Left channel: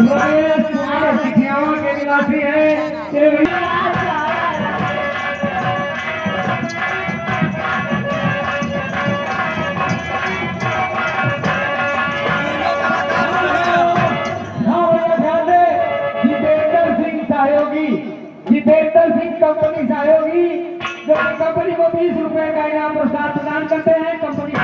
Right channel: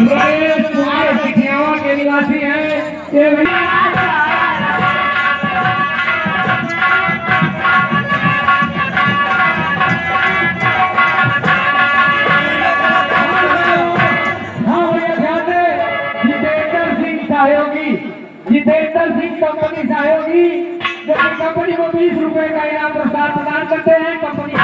रमेश कुमार सिखियावा के निवासी है। जितेंद्र सिंह कंपनी सहयोगी जो कंपनी को 20 रुपए का इनाम पुरस्कार प्रदान करते हैं। कंपनी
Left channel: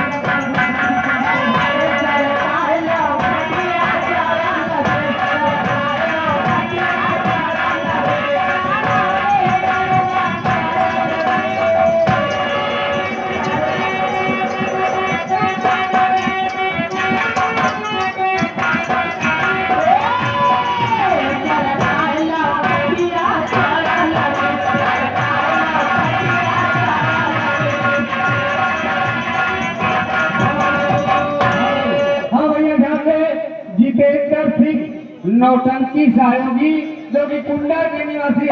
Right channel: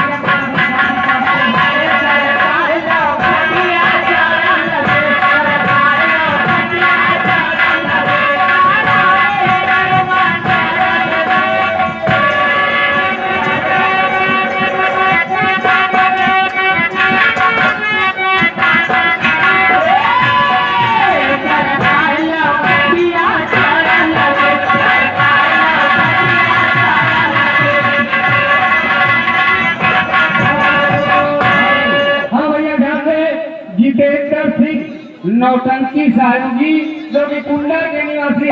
जितेंद्र सिंह नौटंकी सहयोगी जो कि कुंडा के निवासी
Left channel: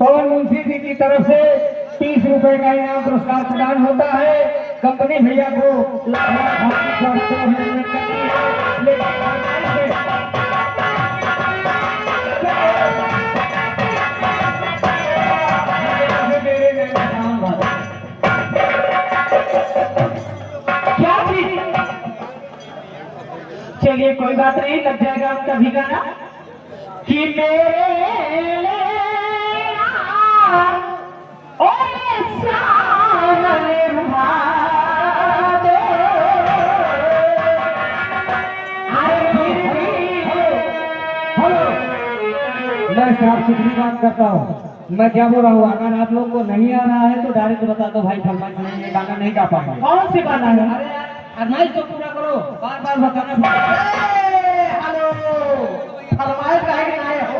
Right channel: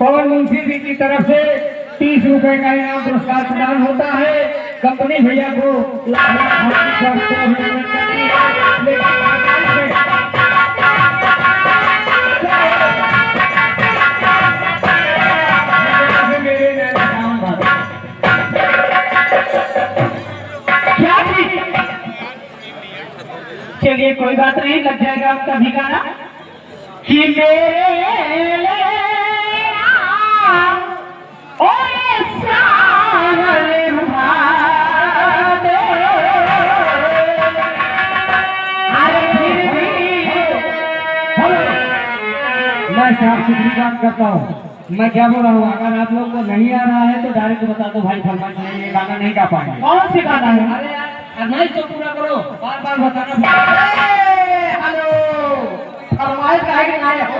पवन मुंशी जी की तरफ से 30 रुपए का इनाम पुरस्कार प्रदान होता है। कंपनी भैया को लाख चलिए कोई बात नहीं, लग जाएगा आपका भी गाना कि मेरे ओए सावरे रुहादे, अरे फिर भी हेलो, मैं साफ सुथरी काम करता हूँ। मैं क्या बोल रहा हूँ, अगर आप लोग को नहीं आ रहा है तो डायरेक्ट बता दो भाई, फरमाइश नहीं, ये गाना नहीं गा पाएंगे। कौन सी गाना है? अरे यार फरमाइश तो पूरा करो, बार बार बताना पड़ेगा। हेलो, फरमाइश काहे के आए हो?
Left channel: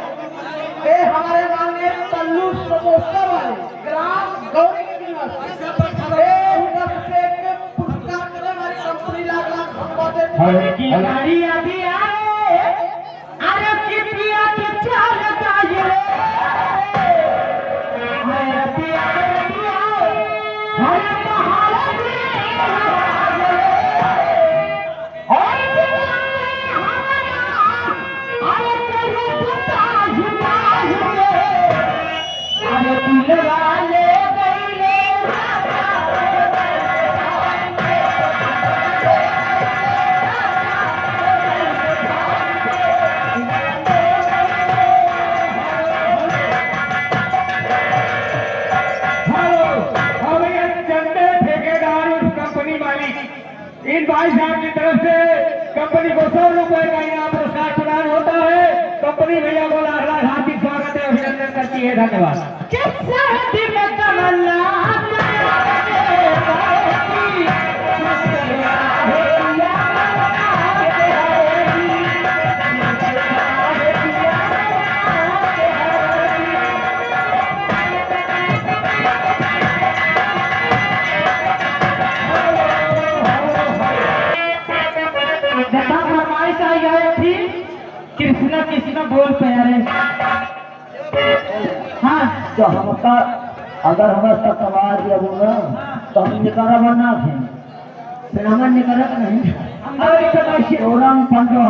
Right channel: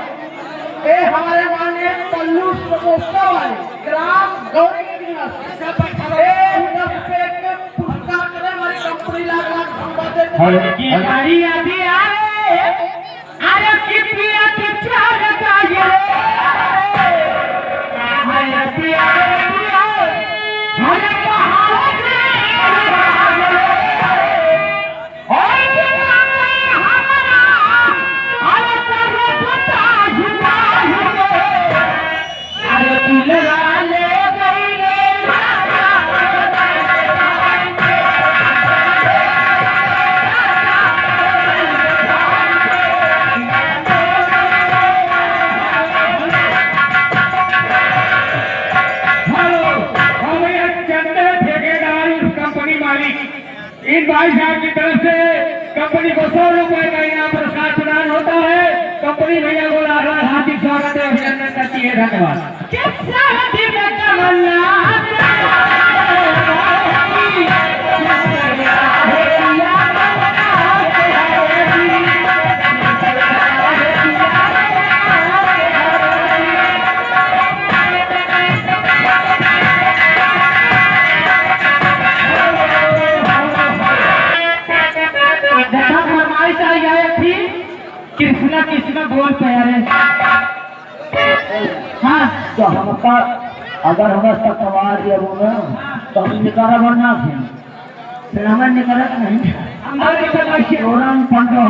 ए हमारे गाने पल्लू समोसा वाले ग्राम गौरी के निवासी 10 रुपए के पुरस्कार करने वाली कंपनी लगा हेलो, की हमारी अभी आए, अरे की पिया के चाल ताजे, अरे पिया हरे पहाड़ इन भाई साहब की तरफ से कंपनी को 100 रुपए का इनाम पुरस्कार प्रदान होता है। कंपनी भैया को हार्दिक स्वागत है, अभिनंदन करती है, धन्यवाद। कृष्णा कृष्णा बोल प्यारे। हाँ तो हमका अगर हमें तकवार दिया बोला तो हम निकारा बनना थे, फिर हमें निकारा नहीं हमारे औरंग पंडो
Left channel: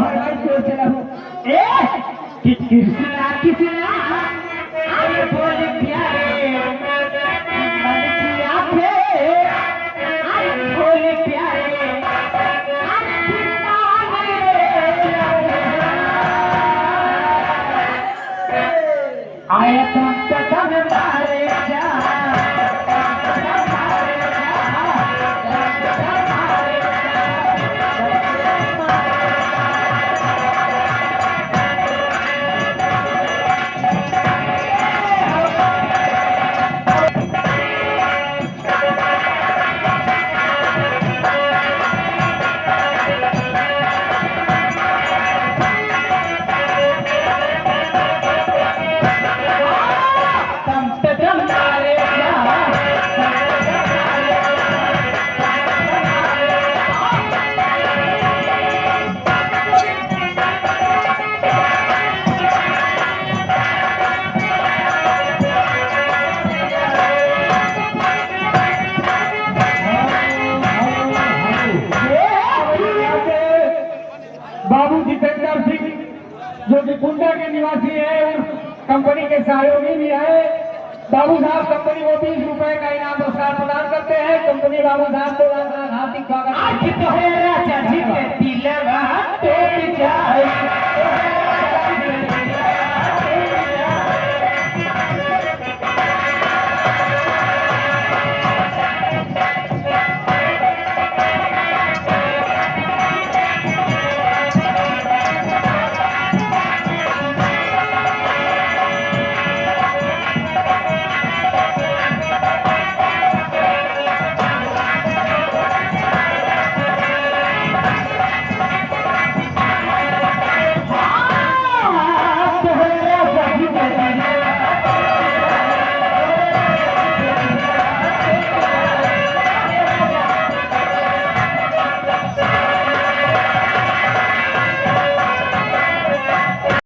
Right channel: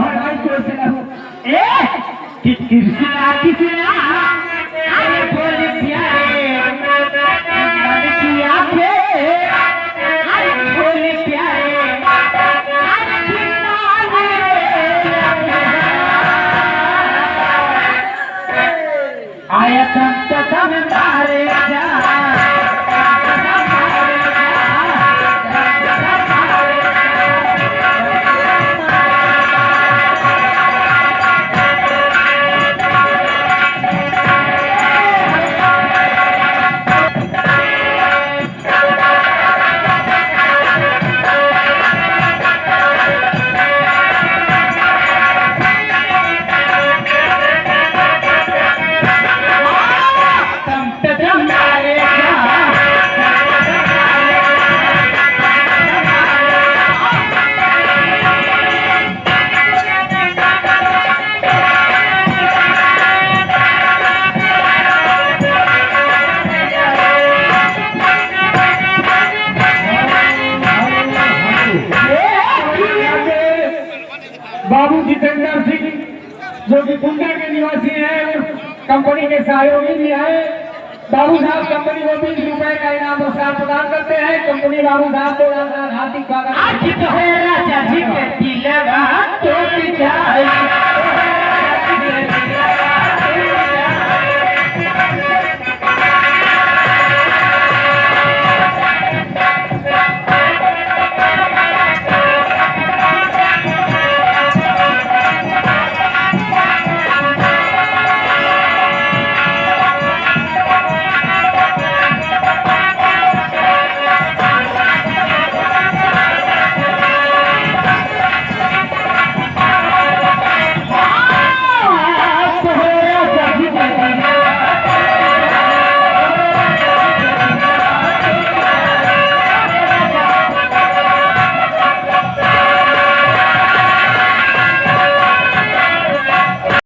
कृष्णा कृष्णा अरे बोल प्यारे, मन की आंखें अरे बोल प्यारे, आया तम मारे जा बाबू जितेंद्र सिंह जो कि कुंडा के निवासी है और कंपनी के सहयोगी भी है। बाबू साहब कंपनी को 20 रुपए का इनाम पुरस्कार प्रदान करते हैं। कंपनी बाबू साहब को हार्दिक स्वागत। आज तो है राजा जी के दिलवा तो जाए